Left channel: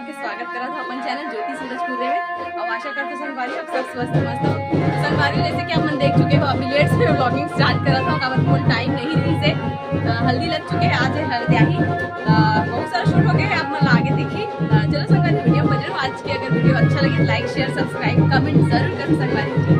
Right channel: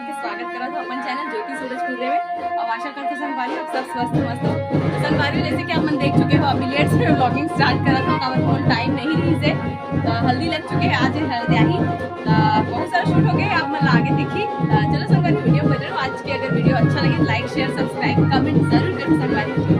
संगवारी के स्वागत करा था अपन चैनल ज्योति सूरजपुरे में। अब आशा करते संगवारी आप सब स्वस्थ मस्त हो। तो संगवारी जैसे कि अपन देख चुके हो अभी लेट से व्लॉगिंग स्टार्ट करा था, काबर मोल टाइम नहीं रही से हल्दी लग चुके हैं, आज है हल्दियाही। बहुत सारा शूट हो गए, आप मन आगे दिखी। चलो संगवारी वीडियो बन रहे हो। आज की अगर वीडियो अच्छा लगे लाइक शेयर सब्सक्राइब कमेंट जरूर करो संगवारी।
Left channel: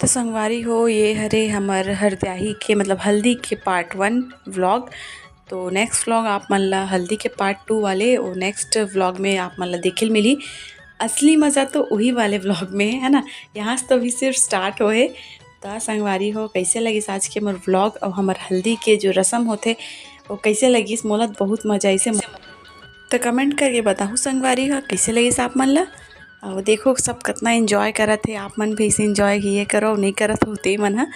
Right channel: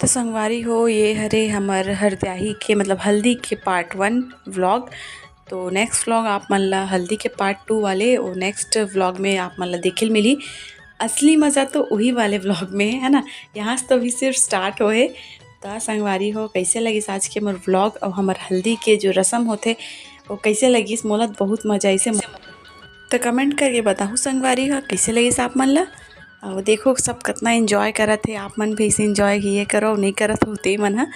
तो संगवारी हो, ये हरे हमार हरद्याही के मतलब हल्दी के पार्ट 1 व्लॉग। तो नेक्स्ट व्लॉग आप मन ला हल्दी के पार्ट 2 वाले और नेक्स्ट व्लॉग में आप मन ला देखिल मिली। असली मज़ा तो वही वाले व्लॉग में है ना, यहाँ से तो अभी सिर्फ स्टार्ट होए। तो संगवारी हो, कैसे लगी आज के मोर व्लॉग और हमार हल्दी के जो रस्म होते वो कैसे लगी, मोला बहुत मज़ा आई से। तो कमेंट करके बताऊँ संगवारी हो कैसे लगी आप मन ला। और देखो सब कितना एंजॉय करत है, आप मन भी इसे एंजॉय किए करो, नहीं करत होते मन है।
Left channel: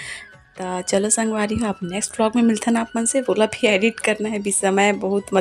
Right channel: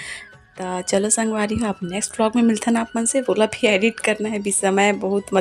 तो चलो संगवारी हो, आप नेक्स्ट व्लॉग में मिलते हैं आप मन से। बोला भी एडिट करना है, भी समय बहुत